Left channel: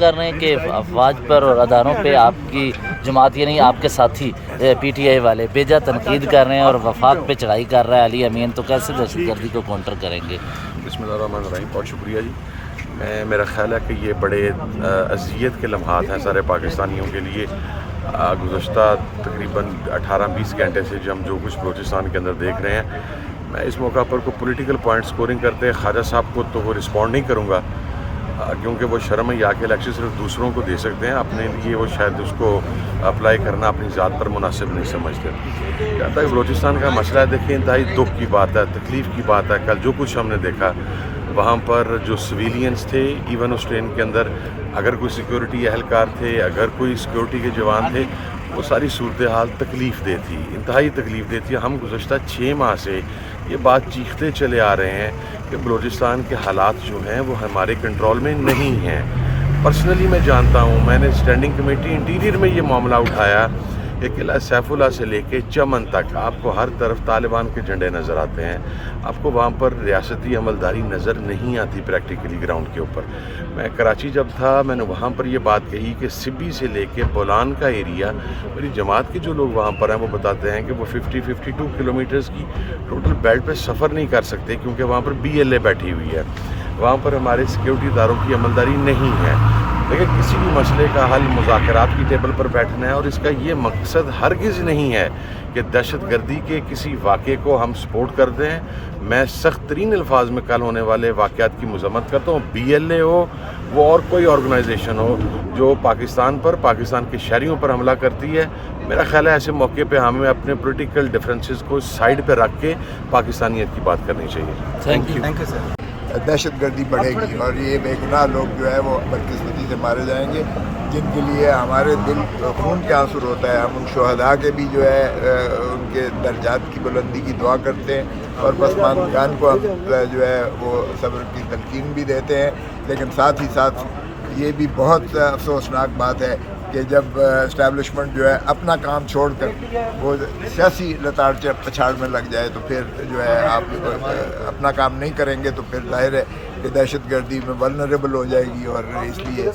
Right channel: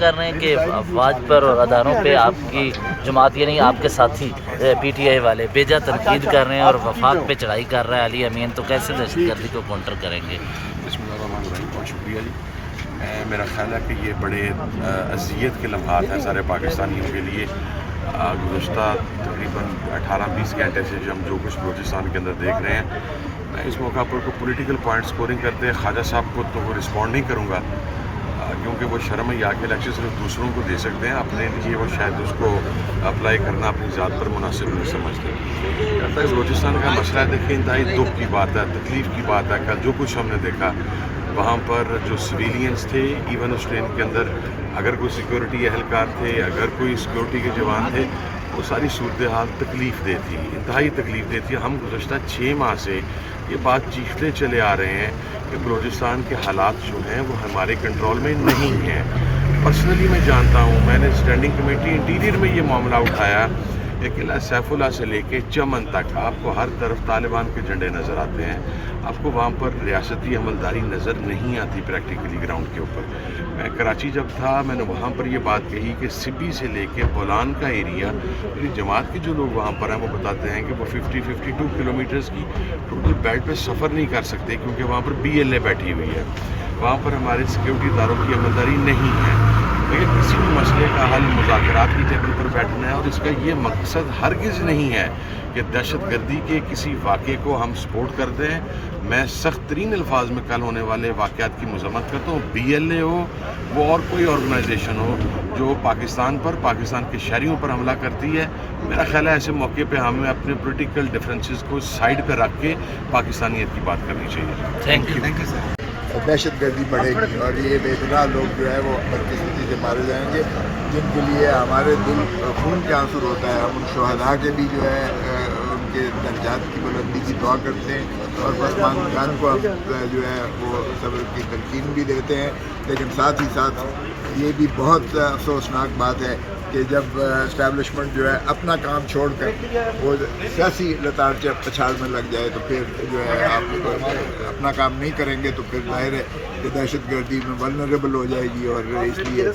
کر رہے ہیں کہ افواج پر اور اداروں پہ آپ کی جماعت یعنی آپ کے ساتھی پی ٹی آئی والے بیجا تنقید کر رہے ہیں اور وفاق پہ چڑھائی کر رہا ہے علی امین، تو کیسے دہشت گردی کو کاؤنٹر کریں گے؟ بسم اللہ الرحمن الرحیم، بہت شکریہ جی۔ میرا خیال ہے کہ یہ بڑے اذیت کے لمحات ہیں سارے پاکستانیوں کے لیے۔ گزشتہ تقریباً 18-20 گھنٹے سے ہم جو کچھ بلوچستان کے اندر دیکھ رہے ہیں، میں اس موقع پر کوئی پولیٹیکل پوائنٹ سکورنگ کرتے خواجہ صاحب کو تو وہ رسپونڈ نہیں کروں گا، کیونکہ وہ شرم یا کے لیکچر صرف دوسروں کو دے سکتے ہیں، اپنے لیے وہ شاید اس کو اپلائی کرنا اپنی ذات پر مناسب نہیں سمجھتے۔ کہتا ہے بلوچستان کا مسئلہ ہے، دیکھیں انتہائی دکھ کی بات ہے، تکلیف کی بات ہے۔ کل جو کچھ ہم نے دیکھا وہاں پر جو سویلینز تھے، ایون اس ٹرین کے اندر اگر کوئی سیکیورٹی اہلکار تھے، اگر کوئی سیکیورٹی کے جوان تھے، وہ ساری صورتحال تکلیف دہ تھی، انتہائی تکلیف دہ تھی۔ ہم گزشتہ 6 ماہ سے یہ بات چیختے چلے آ رہے ہیں کہ بلوچستان کے حالات جو ہیں وہ ہمارے کنٹرول میں نہیں ہیں۔ پرسنلی میں جانتا ہوں، میں نے اسٹینڈنگ کمیٹی انٹیریئر میں یہ معاملہ اٹھایا کہ قلعہ سیف اللہ سے لے کے چمن تک آپ کو ہر طرف طالبان کے جھنڈے نظر آتے ہیں، آپ کو وہاں پر ریاستی عملداری نظر نہیں آتی پریکٹیکلی گراؤنڈ کے اوپر۔ میں کراچی جب تھا، میں نے وہاں پر یہ بات کہی کہ سبی سے لے کے بولان کا ایریا، میری جماعت کے جو لوگ وہاں پر ہیں وہ بتاتے ہیں کہ وہ 52 کلومیٹرز کی ٹوٹل بیلٹ پہ سفر نہیں کر سکتے، کیونکہ وہاں پر BLA بیٹھی ہوئی ہے، وہاں پر ہمارے سیکیورٹی اداروں کی عملداری نہیں ہے۔ لیکن کسی بھی مسئلے کا حل مذاکرات کی ٹیبل پر بیٹھنا ہے، اور اس کا یہ مقصد ہرگز نہیں ہے کہ دہشت گردی کے کسی واقعے کو ہم سپورٹ کر دیں۔ میں سخت ترین الفاظ میں کل ہونے والے واقعات کی مذمت کرتا ہوں، BLA ہو وہ اور کوئی آرگنائزیشن ہو جو پاکستان کے شہریوں پر حملہ کرتی ہے۔ میرا خیال ہے ایسے موقع پہ ہمیں اپنے پولیٹیکل ڈفرینسز کو سائڈ پہ رکھ کے پاکستانیت کی بات کرنی چاہیے۔ Thank you sir. دہشت گردی بڑھے گی اور یہ بے گناہ لوگ جو ہے وہ بدقسمتی سے مارے جائیں گے، جن کے لیے ہمارے دل خون کے آنسو ہوتا ہے۔ ہم ان شہداء کے بھی جو ہے ان کے درجات کی بلندی کی دعا کرتے ہیں، اور پسماندگان کو ہم جو ہے وہ صبر کی تلقین بھی دیتے ہیں۔ لیکن ساتھ ہی ساتھ یہ بھی بہت افسوسناک بات ہے کہ جب اسٹیبلشمنٹ جو ہے اپنا کام چھوڑ کر وہ سیاسی لتاڑ پچھاڑ میں لگ جائے، تو پھر جو ہے آپ اپنا کام نہیں کریں گے تو پھر ظاہر ہے کہ دہشت گردی میں ولنریبل ہو جائے گی، اور اس لیے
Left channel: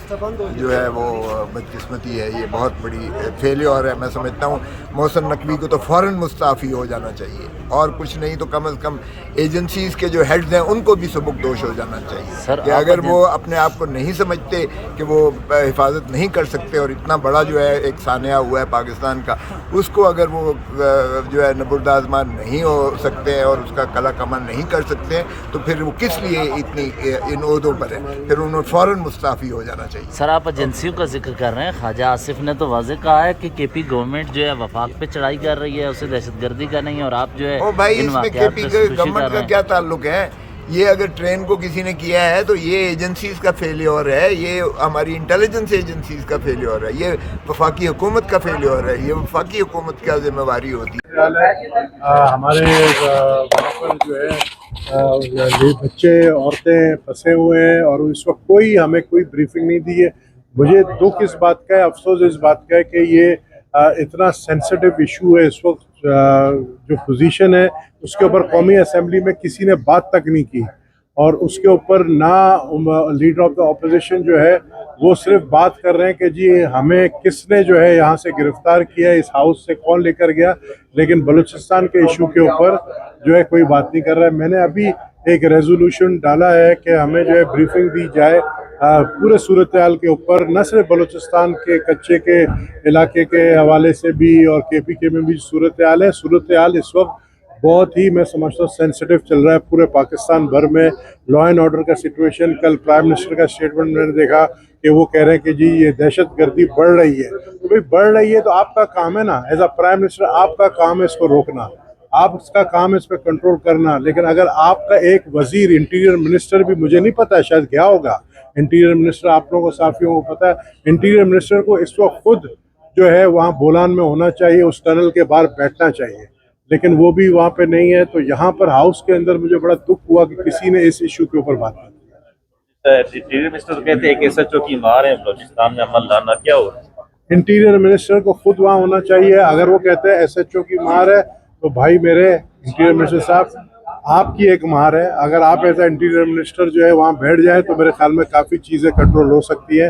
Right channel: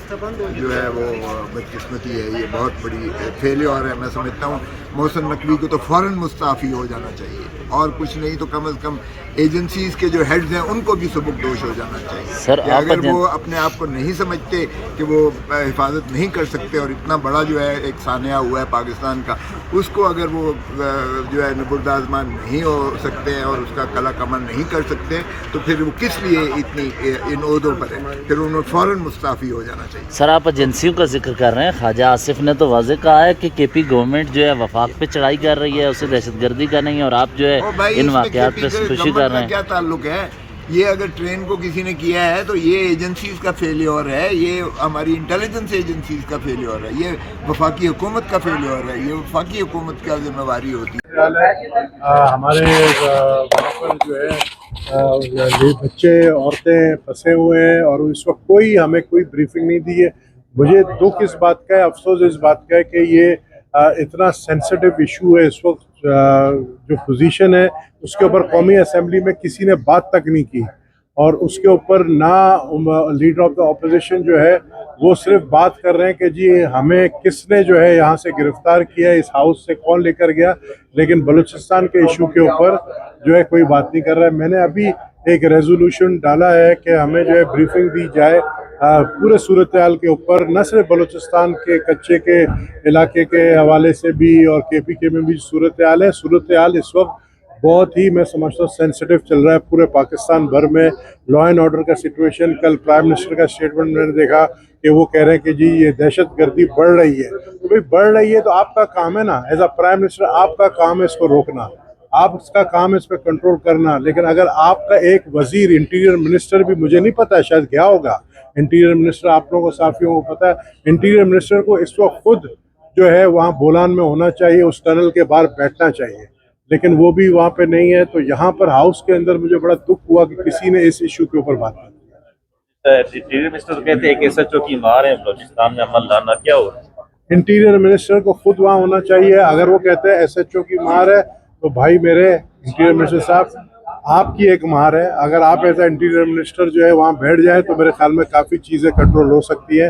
جو ہے وہ بدقسمتی ہے، یہ بہت بڑی فیلیور ہے۔ میں سمجھتا ہوں محسن نقوی کو تو فوراً مستعفی ہو جانا چاہیے، اور کچھ نہیں تو کم از کم ایجنسیز کے جو ہیڈز ہیں ان کو بھی سبکدوش ہو جانا چاہیے کہ اگر وہ اپنے آپ کو نہیں سمجھتے کہ وہ حفاظت نہیں کر سکتے، اور اتنا بڑا جو ہے ایک سانحہ ہوا ہے پاکستان کا، اس کو اگر وہ جو ہے نبردآزمان نہیں ہو سکتے ہیں اور اس کا قلع کمر نہیں کر سکتے ہیں، تو پھر وہ کس لیے اتنی ان عہدوں پر ہے؟ پھر انہوں فوراً مستعفی ہو جانا چاہیے۔ سر آپ ایجنسیوں کا ذکر کر رہے ہیں، خواجہ آصف نے تو واضح کہا ہے کہ KP گورنمنٹ جو ہے وفاق پہ چڑھائی کر رہی ہے، اسے دہشت گردی کا نہیں ہے، اور آپ جو ہے ان واقعات پہ خوشی کر رہے کا ہیں۔ کیا تعلق ہے؟ یہ اگر ٹرین کو کسی نے کیا ہے تو یہ ایجنسیز کا فیلیور ہے، یہ ہماری انٹیلیجنس ایجنسیز کا فیلیور ہے، یہ وفاقی حکومت کا فیلیور ہے، یہ وفاقی حکومت کا ذمہ داری ہوتی ہے۔ ہمارے وہاں پر جو ہے بچے عورتیں پھنسے ہوئے ہیں، اور اس وقت ہمیں کوئی بریفنگ نہیں دی ہے۔ مجھے دکھ اس بات کا ہے، افسوس اس بات کا ہے کہ یہ اتنا سینسٹیو ایشو ہے اس وقت، جو پوزیشن ہے اس کے اوپر قومی اسمبلی میں کسی نے بات تک نہیں کی، اور اس کے اوپر نہ لیڈر آف دا اپوزیشن جو ہے وہ صرف بات کر رہے ہیں کہ جی ہمیں کس نے جو ہے یہاں سے گرفتار کیا، اس ہاؤس سے کون لے کر گیا، لیکن بلوچستان کے ایشو کے اوپر جو ہے کوئی بات نہیں کر رہا ہے۔ میں نے ابھی ایک ریزولوشن ڈالا ہے کہ ہمیں جو ہے بریفنگ دی جائے پورے صورتحال کے اوپر، نہ صرف بلوچستان کے کچے کے علاقے کے حوالے سے بھی، اور KPK میں بھی صورتحال ہے۔ صورتحال اس وقت بہت ہی، میں سمجھتا ہوں، سینسٹیو چل رہا ہے پورے پاکستان بھر میں۔ لا اینڈ آرڈر کا سچویشن، کل پرائم منسٹر کا اسٹیٹمنٹ میں نے دیکھا کہ وہ کہہ رہے ہیں کہ جی یہ دہشت گردی بڑھ رہی ہے۔ تو بھئی بڑھ رہی ہے تو آپ کا کام ہے نا، ایز اے پرائم منسٹر آپ کا کام ہے اس کو روکنا، آپ اس کا کام ہے اس پہ کنٹرول کرنا۔ لیکن اگر آپ کا ایک وزیر، انٹیریئر منسٹر بھی، مجھے نہیں پتا شاید گیا ہوگا انٹیریئر منسٹر، آپ لوگوں کو صحافیوں کو پتا ہے، انٹیریئر منسٹر کو اس وقت خود جو ہے وہاں بولان میں ہونا چاہیے، اس ٹنل کے باہر بیٹھنا چاہیے، لیکن وہ بھی وہاں پہ نہیں ہے۔ تو یہاں پر ہاؤس کے اندر مجھے بڑا دکھ ہوا کہ کسی نے اس ایشو کے اوپر بات کی۔ انٹیریئر منسٹر کہتے ہیں کہ SHO کی مار ہے بلوچستان میں عمل لانا، کیا ہو؟ انٹیریئر منسٹر کو خود وہاں ہونا چاہیے۔ اگر وہ کہتے ہیں SHO کی مار ہے تو بھائی میرے انٹیریئر منسٹر صاحب، آپ کی ایک مار ہے، اگر آپ ایسا انٹیریئر منسٹر جو ہے وہاں بیٹھ جائے تو میرے خیال میں کافی چیزیں کنٹرول ہو سکتی ہیں۔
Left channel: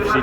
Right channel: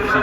FC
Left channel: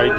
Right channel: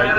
IG